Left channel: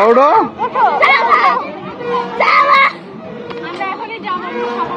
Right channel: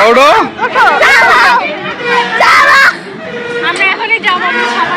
আউডো যাবো আমরা এখনি যাবো সাফা